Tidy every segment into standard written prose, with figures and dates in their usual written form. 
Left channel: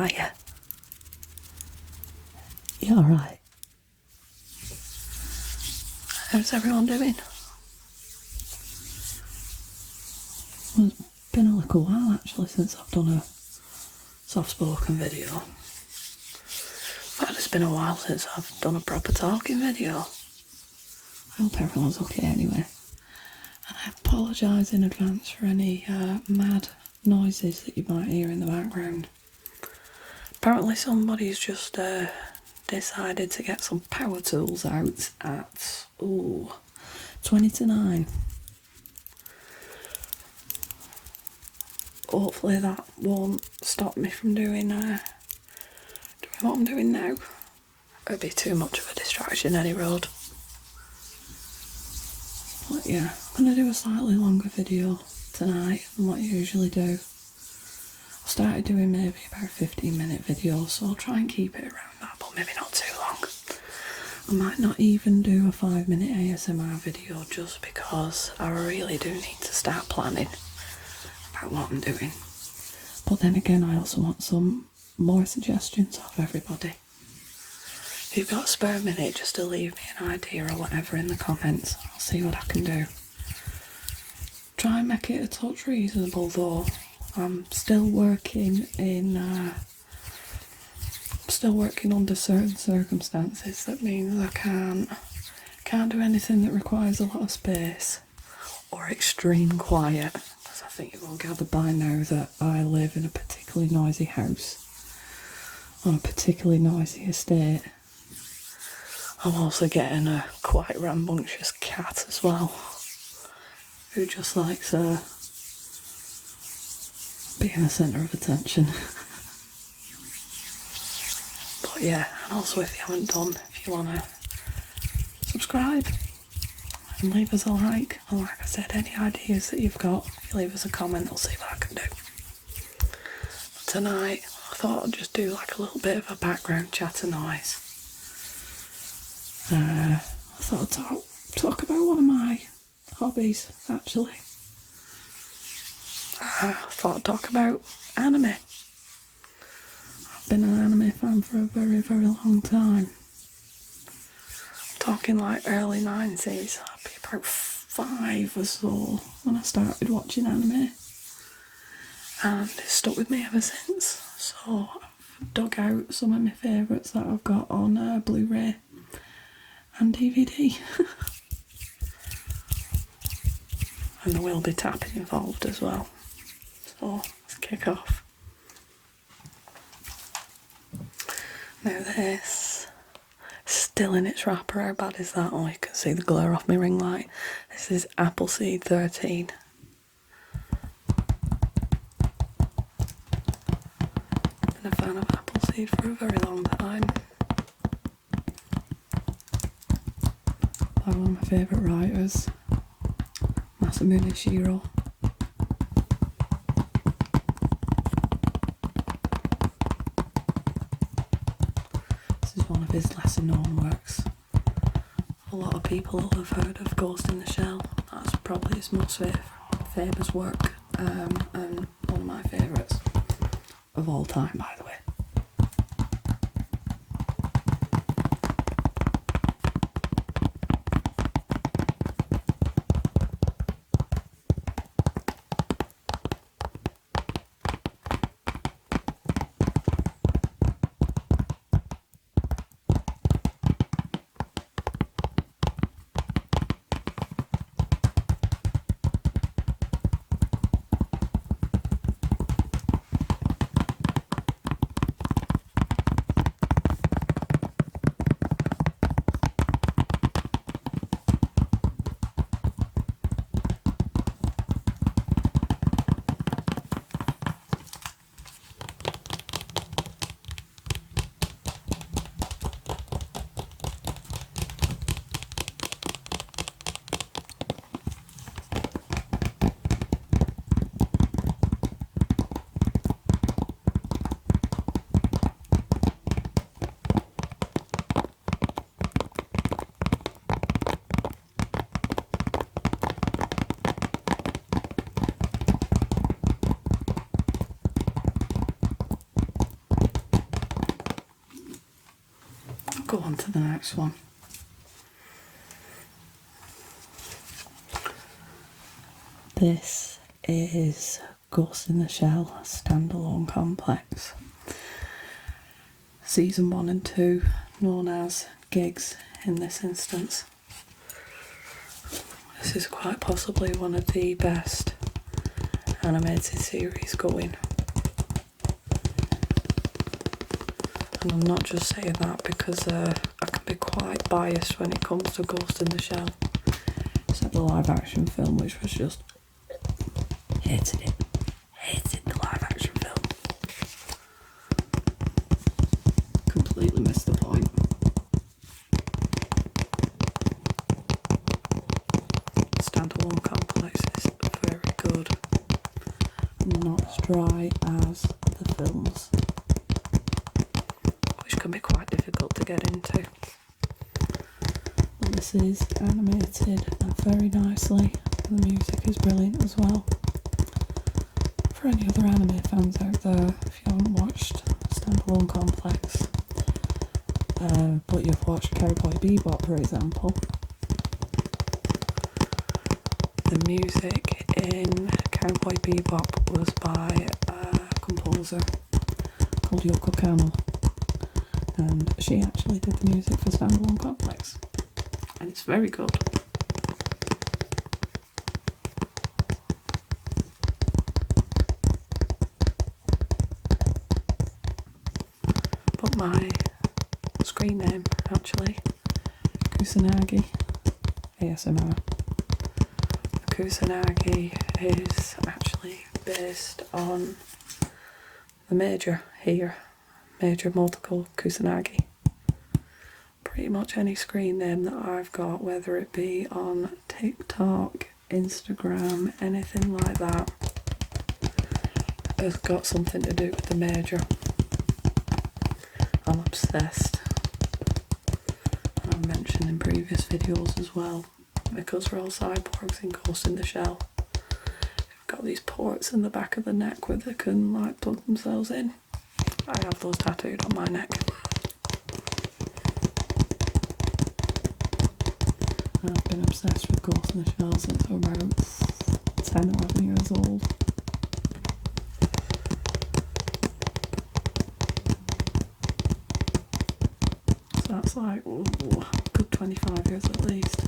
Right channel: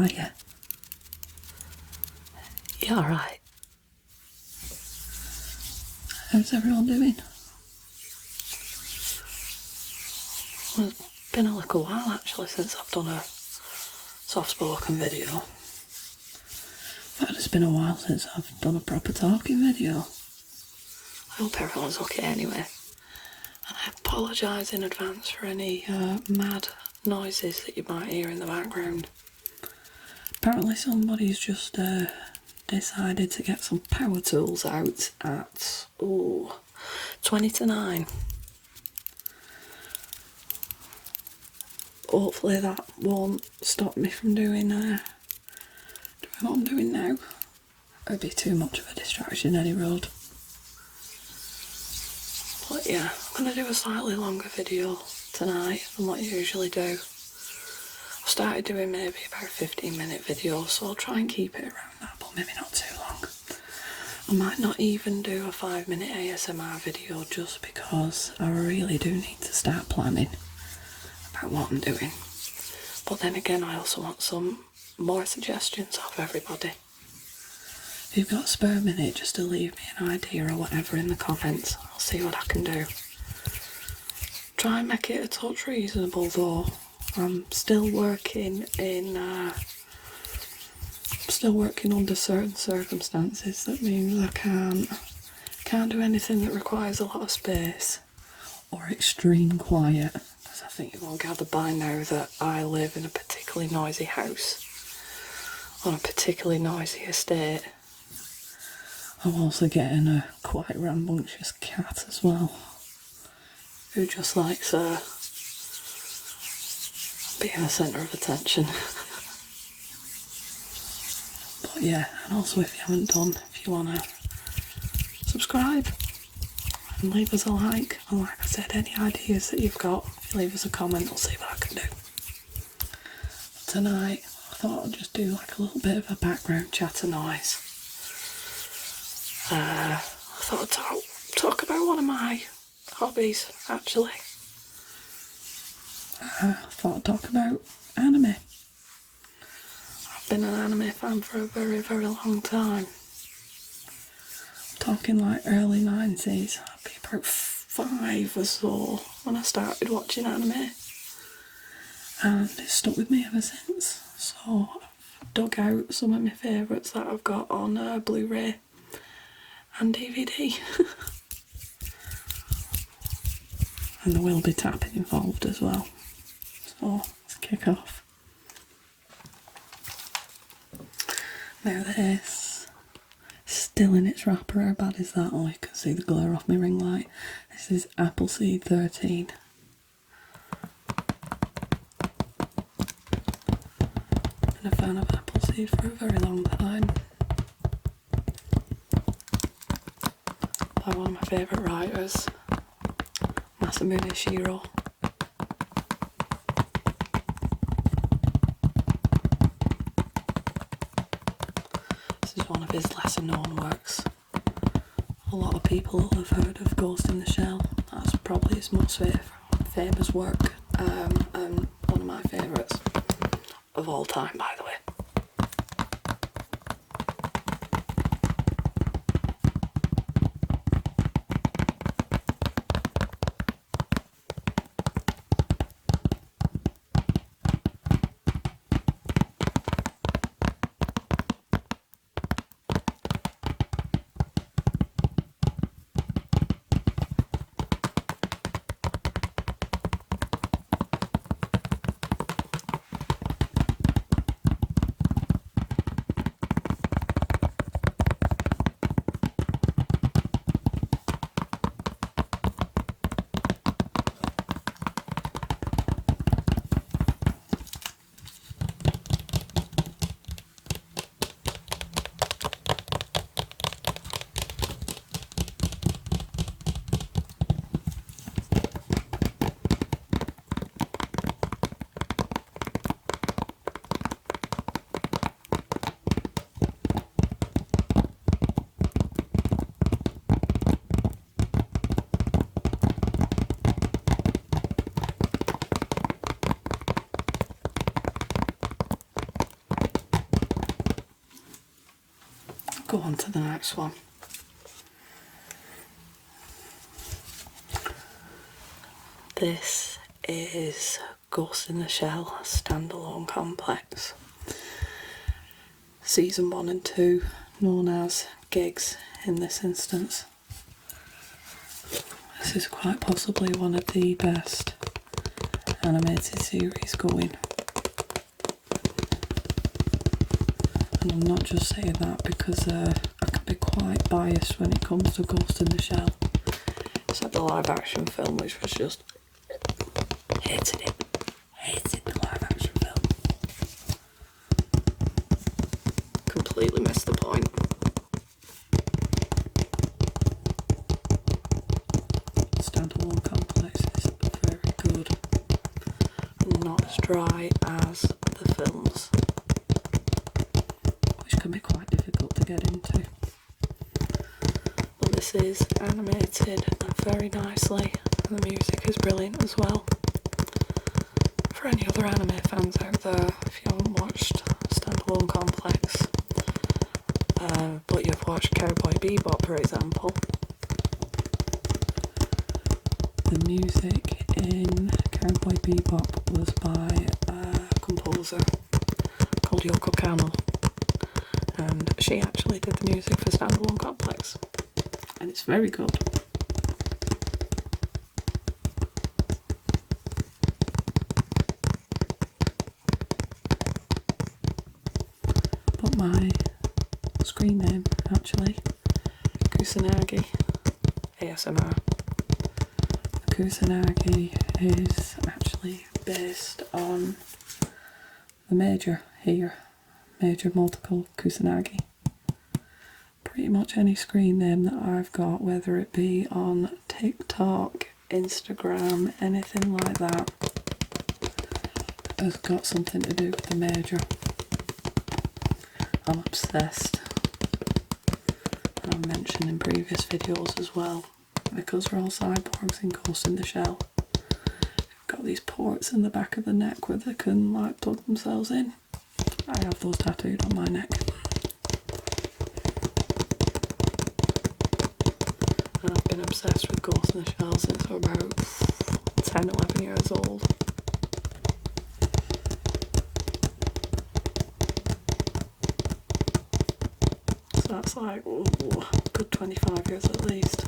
Hiya. You alright? How's everyone doing? Well, it's been a little while actually since I've done a soft-spoken video. In fact, it's been a while since I've done a proper talking video. I hope everyone's okay anyway. And I apologise in advance for any mad noises that you might hear in the background. Apparently somebody's just decided to get some power tools out at 20 to 9. Hopefully that won't stop me from doing what I'm doing now. It'd be too much of a distraction any road. But yeah, I'm going to do a slightly longer video tonight than what I usually do. I've started doing maybe about 15-minute videos, so I'll try and keep it around that, but maybe not too long. I might not even do a 5-minute ASMR video just because I really do need to start planning about what I'm doing. But then again, I also want some more suggestions off everybody. If you've got a spare minute just to leave me an idea or whatever in the comments, I'll see what I can do. Try and make it a touch reasonable though. I'm still working under certain circumstances. That means I can't do anything that requires a lot of space or extreme quiet, because I think you've all gathered by now that I live in a particularly noisy house on a particularly noisy estate. I'm also getting a quite rambunctious cat as well, who just likes being the centre of attention. But yeah, and also if you haven't done, if you want to subscribe and leave us a like, and like I said, any ideas that you've got, if you leave us a comment, I'll see what I can do. But tonight, I thought I'd just do like a little bit of a background chatter noise. I thought I'd talk about one of my hobbies, actually. I thought I'd talk about anime. I've been an anime fan for a very, very long time. I'm talking like early 90s. I'd be about 5 or so when I started watching anime. And it's stuck with me ever since. So I've dug out some of my favourites that I've got on Blu-ray and DVD. And there will be tapping involved as well. So let's kick off. Now this, still in its wrapper. How bad is that? Oh, you can see the glare off my ring light. This is Appleseed 13. Been a fan of Appleseed for a very long time. By one of my favourite writers, Masamune Shirow. This is one of his lesser known works. A lot of people have heard of Ghost in the Shell. That's probably his most famous work, and one of my favourites of all time, by the way. go on to the next one. This is Ghost in the Shell Standalone Complex. Season 1 and 2, known as Gigs in this instance. This is quite possibly one of the best animated series going. And I'm not just saying that because I can be quite biased when it comes to Ghost in the Shell. Except the live action film, which was just... hated it. Hated the live action film. Completely missed the point. Standalone Complex is very good. Not as dry as the films, which can be quite difficult to get into. But this is animated very nicely, and the music is brilliant as well. For any other anime fans out there, if you haven't watched Standalone Complex, but you've watched Cowboy Bebop, for example, the music in Cowboy Bebop was by a composer called Yoko Kanno, and she actually did the music for Standalone Complex, and it's very good. But my screen name, actually, Kusanagi ASMR. Kusanagi is actually based on the Major here, Major Multiple Kusanagi. Pretty much any screen name that I've got, whether it be on TikTok, Instagram, anything like that, has got something to do with the Major. I'm obsessed. And I've mentioned in previous videos as well, because we're all cyborgs in Ghost in the Shell. They've got these ports in the back of the neck where they can like plug themselves in. I have those tattooed on my neck. And I've been obsessed with Ghost in the Shell since I was about 10, 11 years old. So that's like, ooh, good 25 years at least.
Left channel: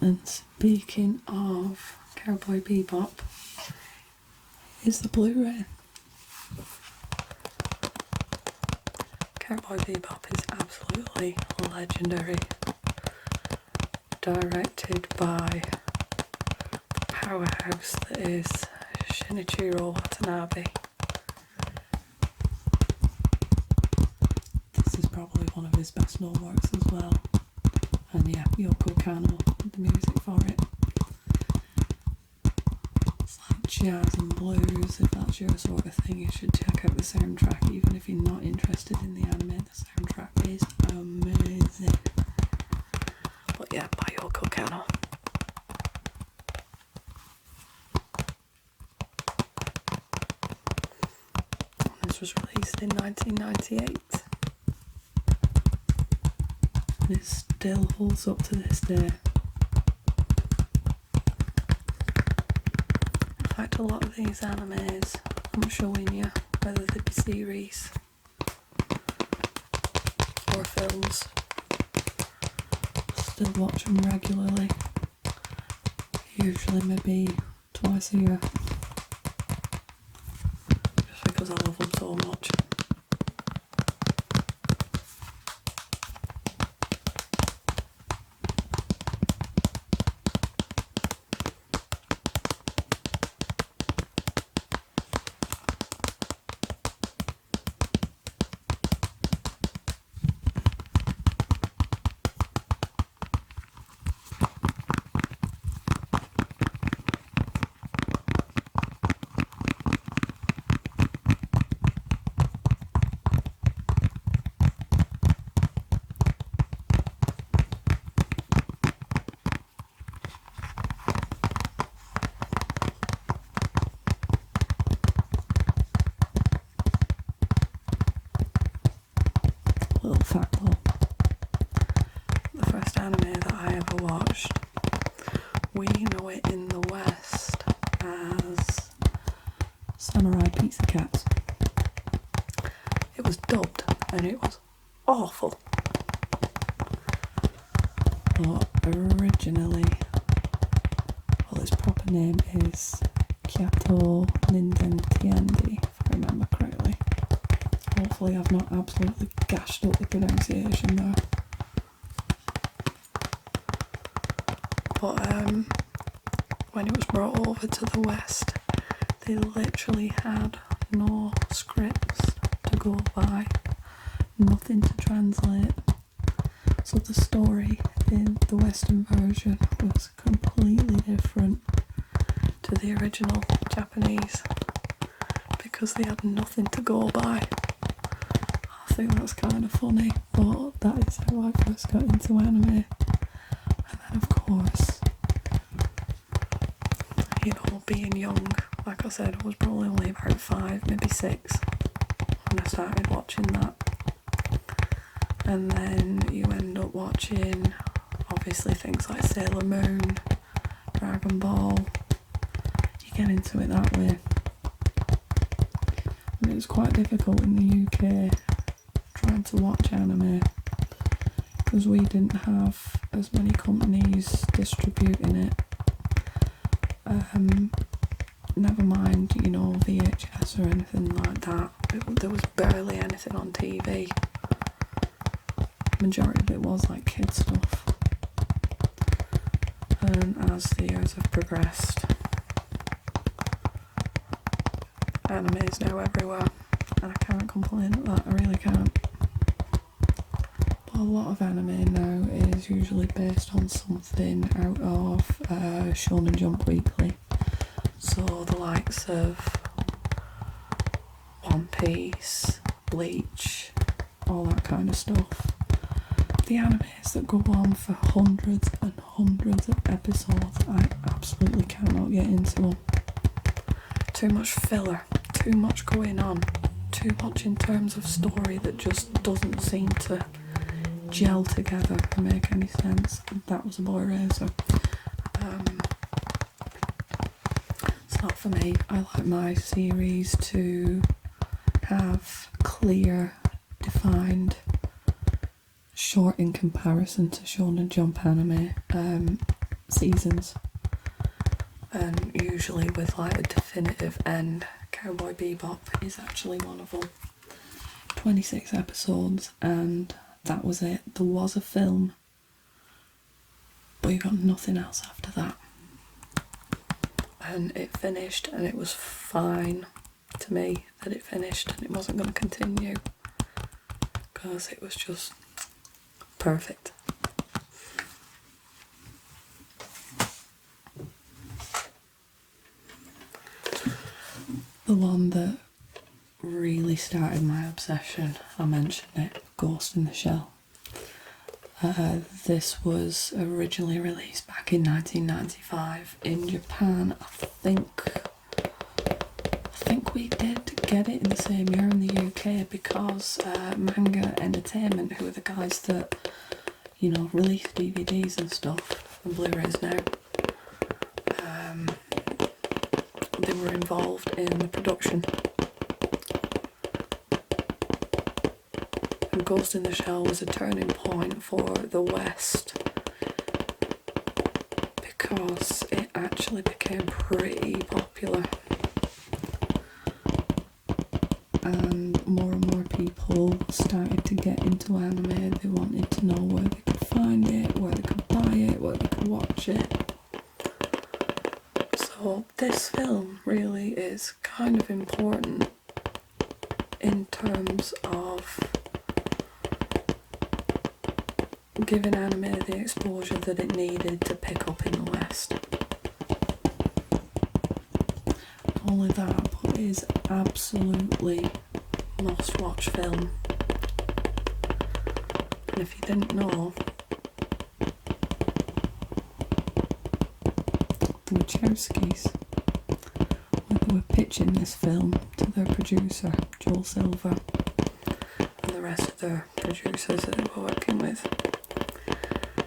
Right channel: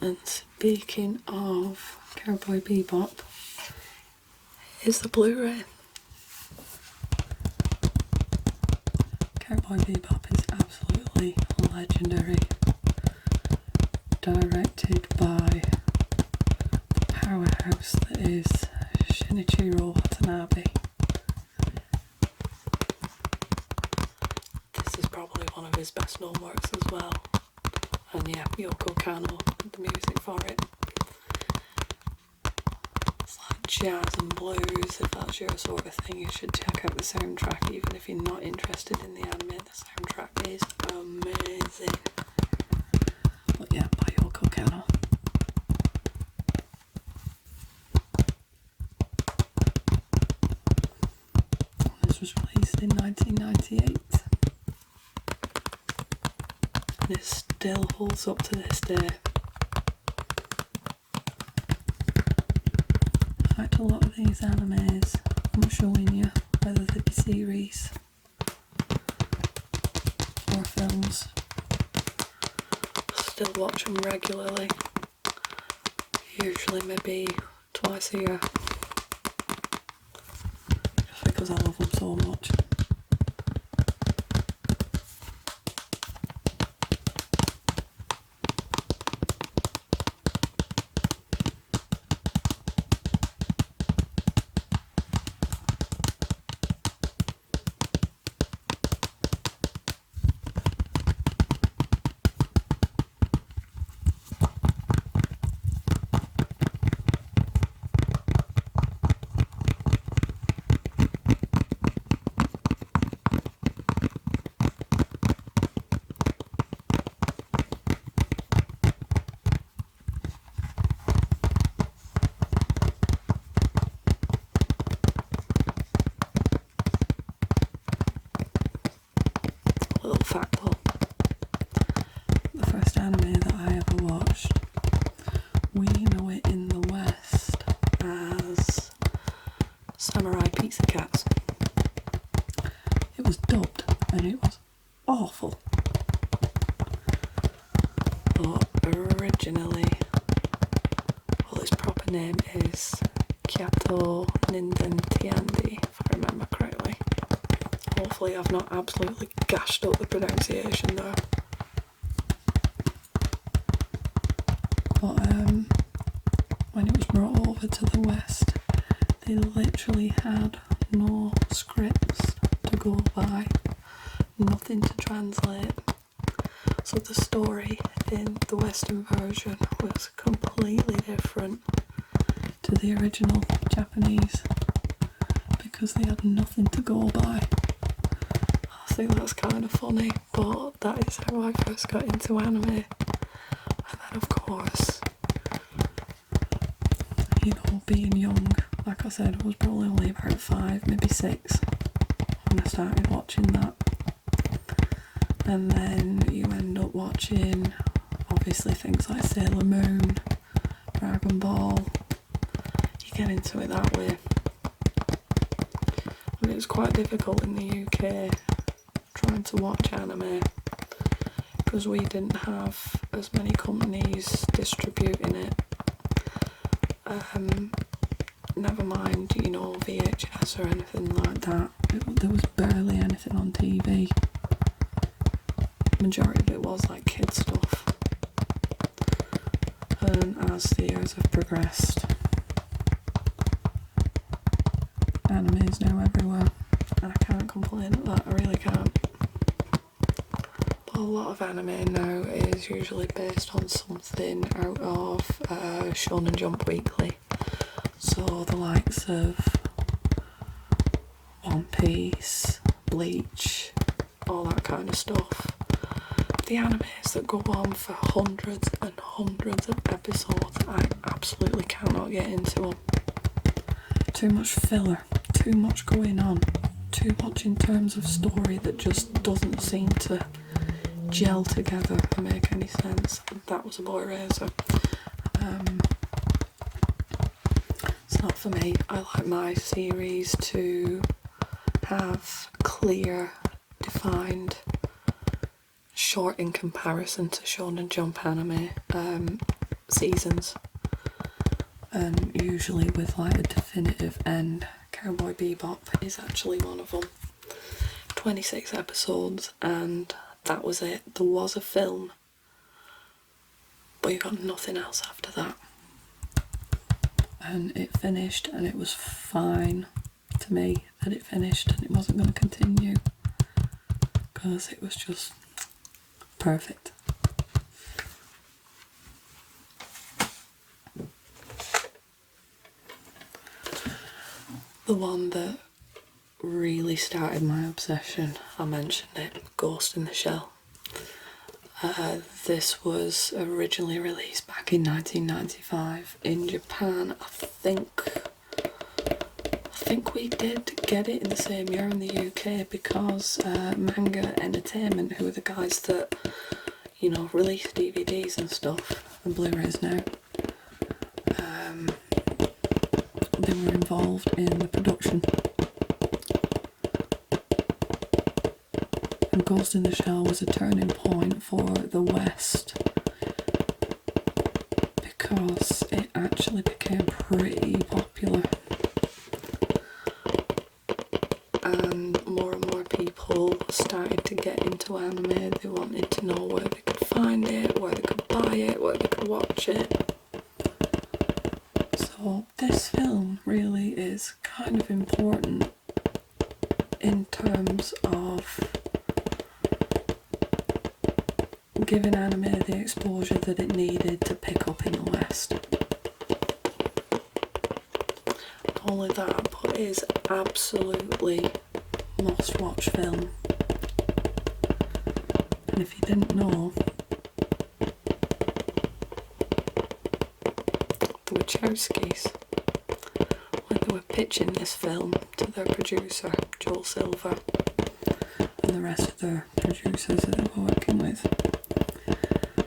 And speaking of Cowboy Bebop, here's the Blu-ray. Cowboy Bebop is absolutely legendary. Directed by the powerhouse that is Shinichiro Watanabe. This is probably one of his best known works as well. And yeah, Yoko Kanno did the music for it. It's like jazz and blues. If that's your sort of thing, you should check out the soundtrack. Even if you're not interested in the anime, the soundtrack is amazing. But yeah, by Yoko Kanno. This was released in 1998. And it still holds up to this day. In fact, a lot of these animes I'm showing you, whether they be series or films, I still watch them regularly. Usually maybe twice a year. Just because I love them so much. fact though. The first anime that I ever watched, we know it in the West as Samurai Pizza Cats. It was dubbed and it was awful. But originally, well, its proper name is Kyato Ninden Tiandi, if I remember correctly. Hopefully I've not absolutely gashed up the pronunciation though. But when it was brought over to the West, they literally had no scripts to go by, nothing to translate. So the story in the Western version was completely different to the original Japanese because they had nothing to go by. I think that's kind of funny, but that is how I first got into anime. And then of course, you know, being young, like I said, I was probably only about 5, maybe 6 when I started watching that. And then you end up watching obviously things like Sailor Moon, Dragon Ball. You get into it that way. And it was quite difficult in the UK trying to watch anime because we didn't have as many companies distributing it. Never mind, you know, VHS or anything like that. There was barely anything on TV. Majority of it was like kids stuff. And as the years have progressed, anime is now everywhere, and I can't complain at that, I really can't. But a lot of anime now is usually based on something out of Shonen Jump Weekly. So the likes of One Piece, Bleach, all that kind of stuff. The animes that go on for hundreds and hundreds of episodes, I absolutely cannot get into them. Too much filler, too much going on, too much in terms of story that just doesn't seem to gel together and make any sense. That was a boy razor. It's not for me. I like my series to have clear, defined, short in comparison to Shonen Jump anime seasons, and usually with like a definitive end. Cowboy Bebop is actually one of them. 26 episodes and that was it. There was a film, but you got nothing else after that. And it finished, and it was fine to me that it finished and it wasn't going to continue because it was just perfect. The one that really started my obsession, I mentioned it, Ghost in the Shell. This was originally released back in 1995 in Japan. I think we did get it in the same year in the UK because Manga Entertainment, who are the guys that, you know, release DVDs and stuff and Blu-rays now, they were involved in the production. And Ghost in the Shell was a turning point for the West because it actually became pretty popular. And more people started to get into anime. They wanted to know where they could find it, where they could buy it, where they could watch it. So this film really is kind of important in terms of giving anime the exposure that it needed to pick up in the West. Not only that, but it is absolutely must-watch film. And if you didn't know, the Wachowskis, when they were pitching this film to their producer, Joel Silver, and the rest of the producers that they were working with.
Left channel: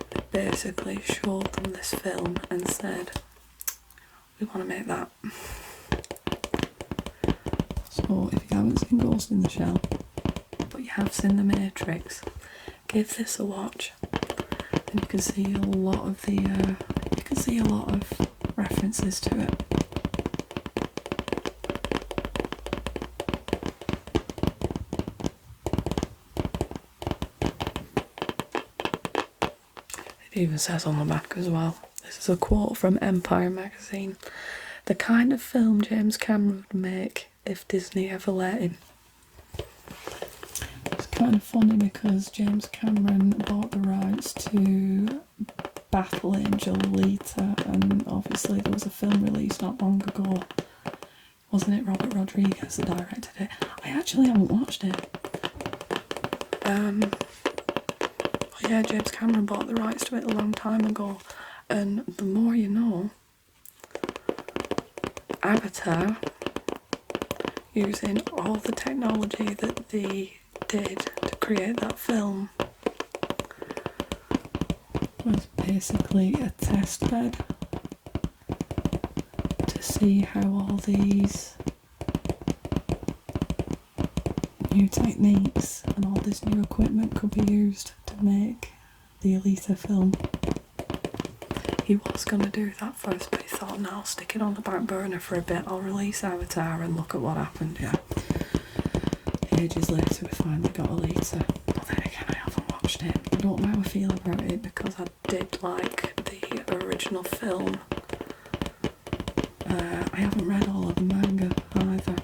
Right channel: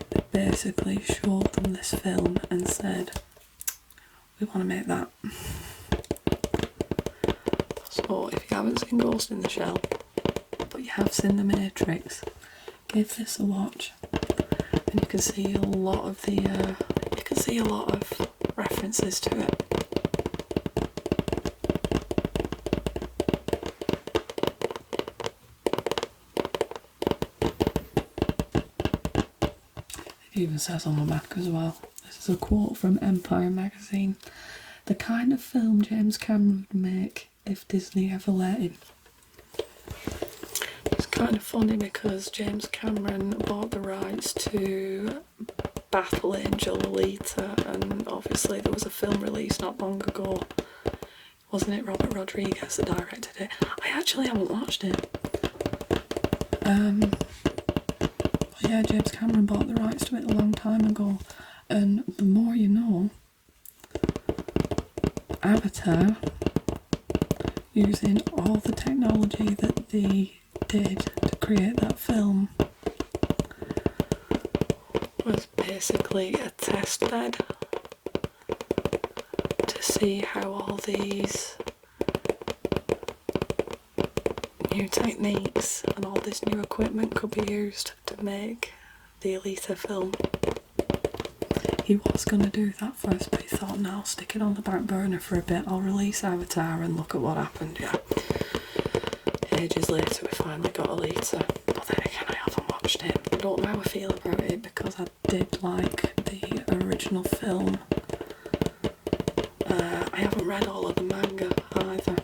They basically showed them this film and said, we want to make that. So if you haven't seen Ghost in the Shell, but you have seen The Matrix, give this a watch, and you can see a lot of references to it. It even says on the back as well. This is a quote from Empire magazine. The kind of film James Cameron would make if Disney ever let him. It's kind of funny because James Cameron bought the rights to Battle Angel Alita, and obviously there was a film released not long ago. Wasn't it Robert Rodriguez that directed it? I actually haven't watched it. But yeah, James Cameron bought the rights to it a long time ago, and the more you know, Avatar, using all the technology that they did to create that film, was basically a test bed to see how all these new techniques and all this new equipment could be used to make the Alita film. He was going to do that first, but he thought, no, I'll stick it on the back burner for a bit, I'll release Avatar and look at what happened. Yeah, ages later we finally got Alita, but then again I haven't watched it. I don't know how I feel about it because I did like the original film. I haven't read all of the manga either.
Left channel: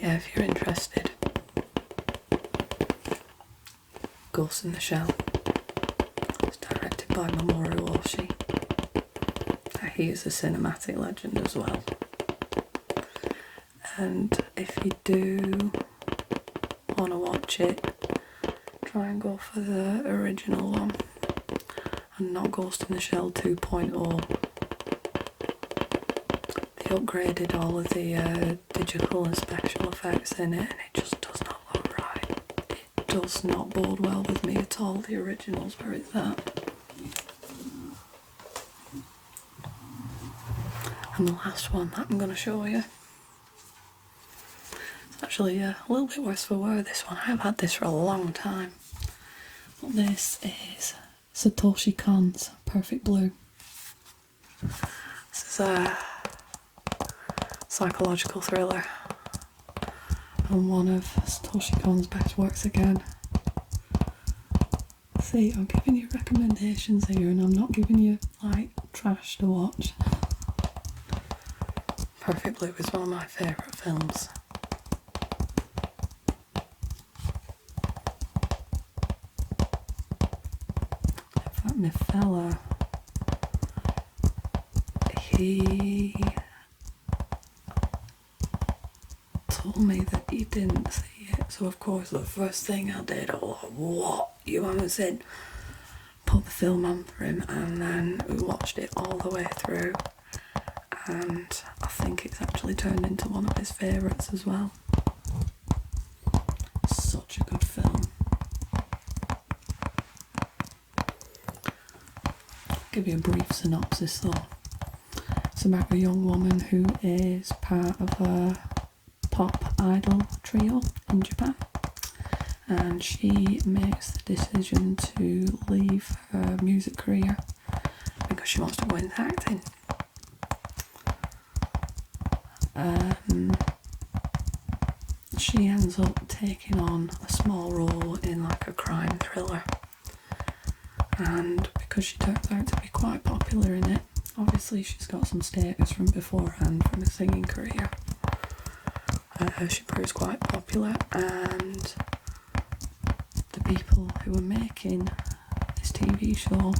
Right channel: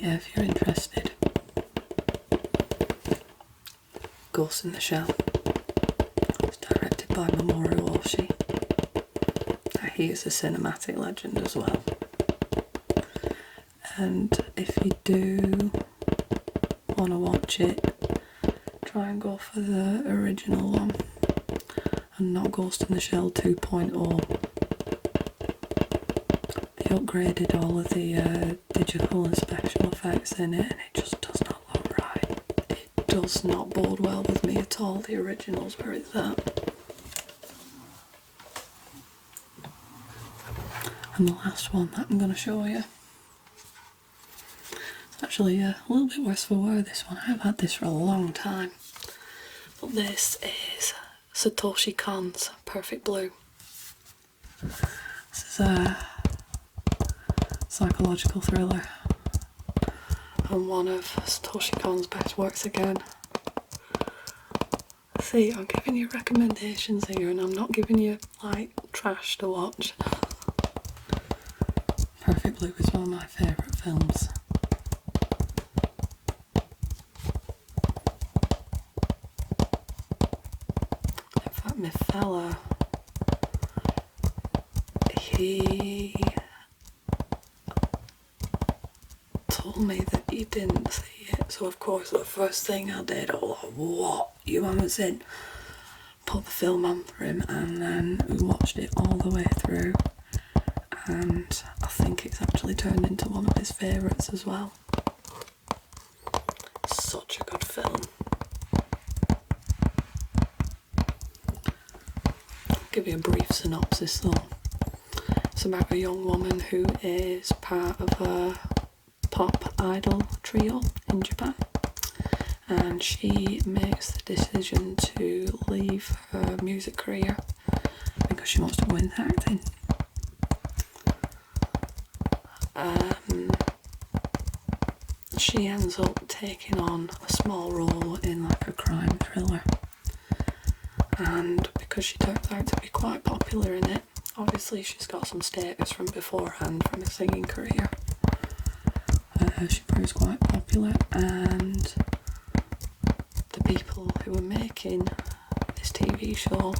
Yeah, if you're interested, Ghost in the Shell. It's directed by Mamoru Oshii. He is a cinematic legend as well. And if you do want to watch it, try and go for the original one and not Ghost in the Shell 2.0. They upgraded all of the digital and special effects in it, and it just does not look right. It does not bode well with me at all, the originals, where it's at. And the last one that I'm going to show you, it's actually a little bit worse for wear, this one. I've had this for a long time. But this is Satoshi Kon's Perfect Blue. This is a psychological thriller and one of Satoshi Kon's best works again. See, I'm giving you recommendations here and I'm not giving you like trash to watch. Perfect Blue is one of my favourite films. In fact, my fella, he told me that he didn't see it, so of course the first thing I did, I was like, what, you haven't seen? Put the film on for him, and then we watched it all the way through, and I think it's actually turned into one of his favourites as well. Such a good film. I'll give you a brief synopsis though. It's about a young woman who is part of a pop idol trio in Japan, and she makes the decision to leave her music career because she wants to go into acting. She ends up taking on a small role in like a crime thriller, and because she turns out to be quite popular in it, obviously she's got some status from beforehand from a singing career. She proves quite popular, and the people who are making this TV show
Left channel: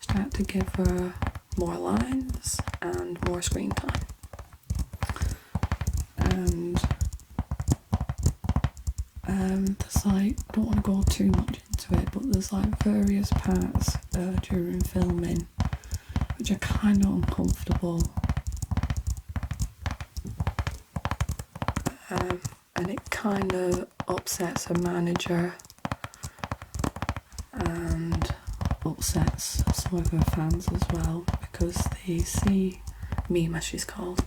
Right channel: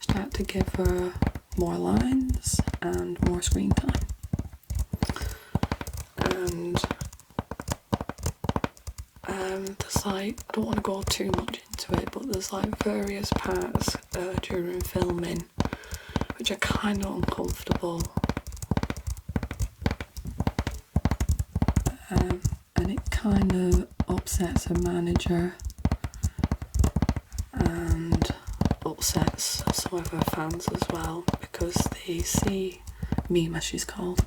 start to give her more lines and more screen time. And there's like, I don't want to go too much into it, but there's like various parts during filming which are kind of uncomfortable, and it kind of upsets her manager and upsets some of her fans as well, because they see Mima, she's called,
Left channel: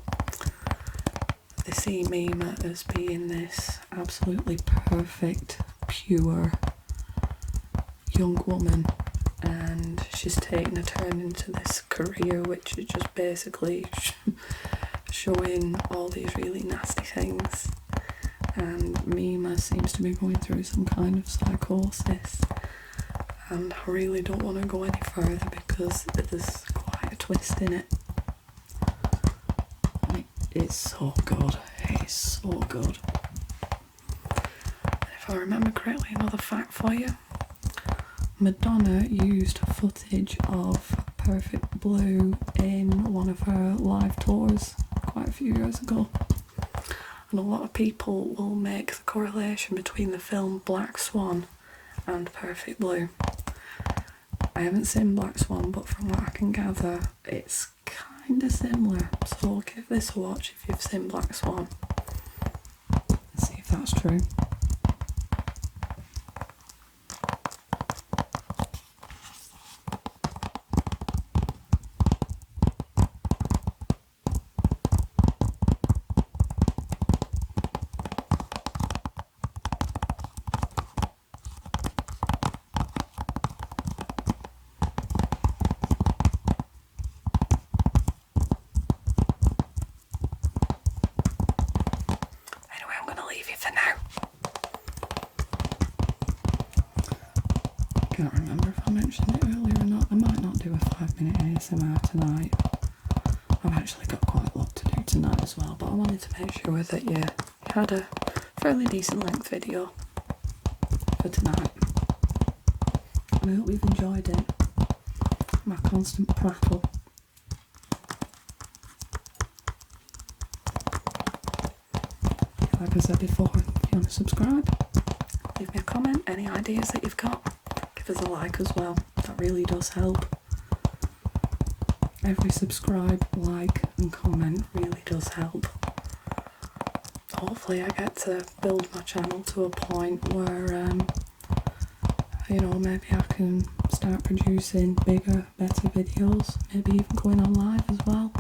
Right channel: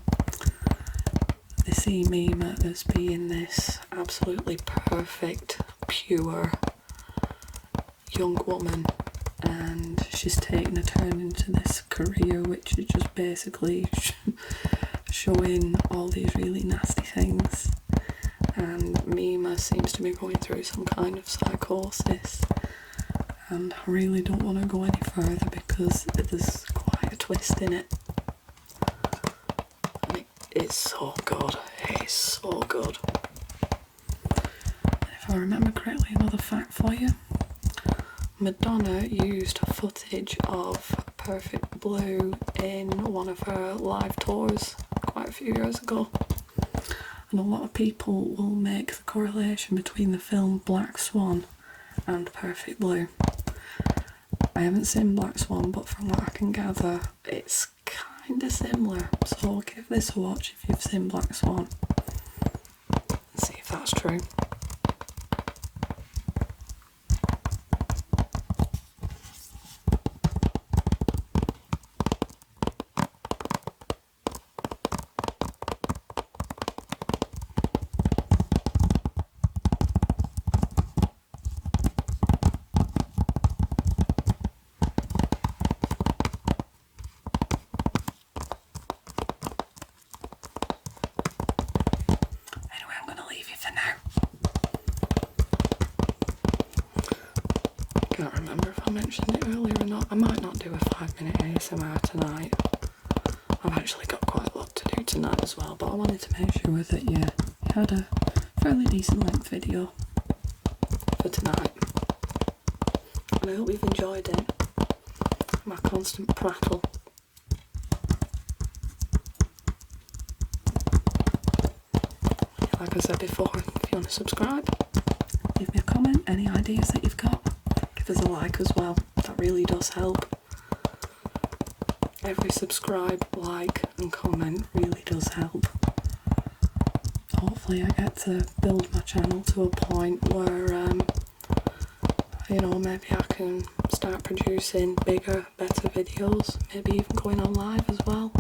they see Mima as being this absolutely perfect, pure young woman, and she's taken a turn into this career which is just basically showing all these really nasty things, and Mima seems to be going through some kind of psychosis, and I really don't want to go any further because there's quite a twist in it. And it's so good, it's so good. And if I remember correctly, another fact for you, Madonna used footage of Perfect Blue in one of her live tours quite a few years ago. And a lot of people will make the correlation between the film Black Swan and Perfect Blue. I haven't seen Black Swan, but from what I can gather, it's kind of similar. So give this a watch if you've seen Black Swan and see if that's true. Can't remember if I mentioned it earlier or not. I might not do a 5-minute ASMR tonight. I've actually got quite a lot to do tonight as well, but I wanted to make sure that you had a fairly decent length video for tonight. And I hope you've enjoyed it. My constant prattle. Like I said before, if you want to subscribe, leave me a comment, any ideas that you've got. Give us a like as well, that really does help. Every subscribe, like and comment really does help. Hopefully I get to build my channel to a point where, you know, maybe I can start producing bigger, better videos, maybe even going on live as well.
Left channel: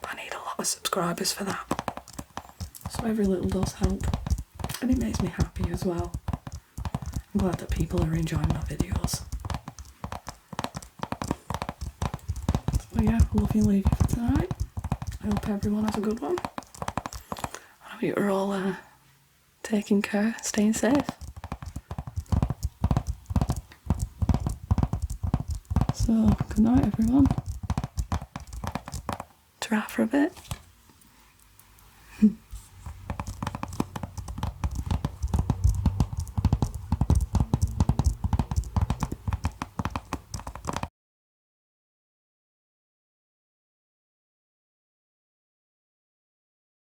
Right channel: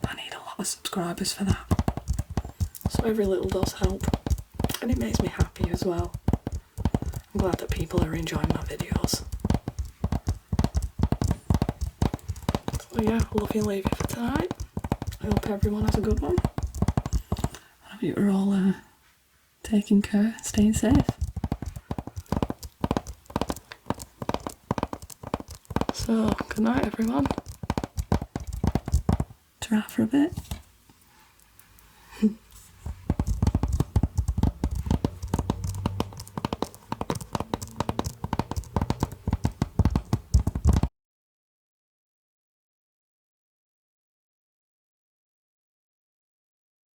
But I need a lot of subscribers for that. So every little does help, and it makes me happy as well. I'm glad that people are enjoying my videos. So yeah, I love you and leave you for tonight. I hope everyone has a good one. I hope you're all taking care, staying safe. So, good night everyone. Ta-ra for a bit.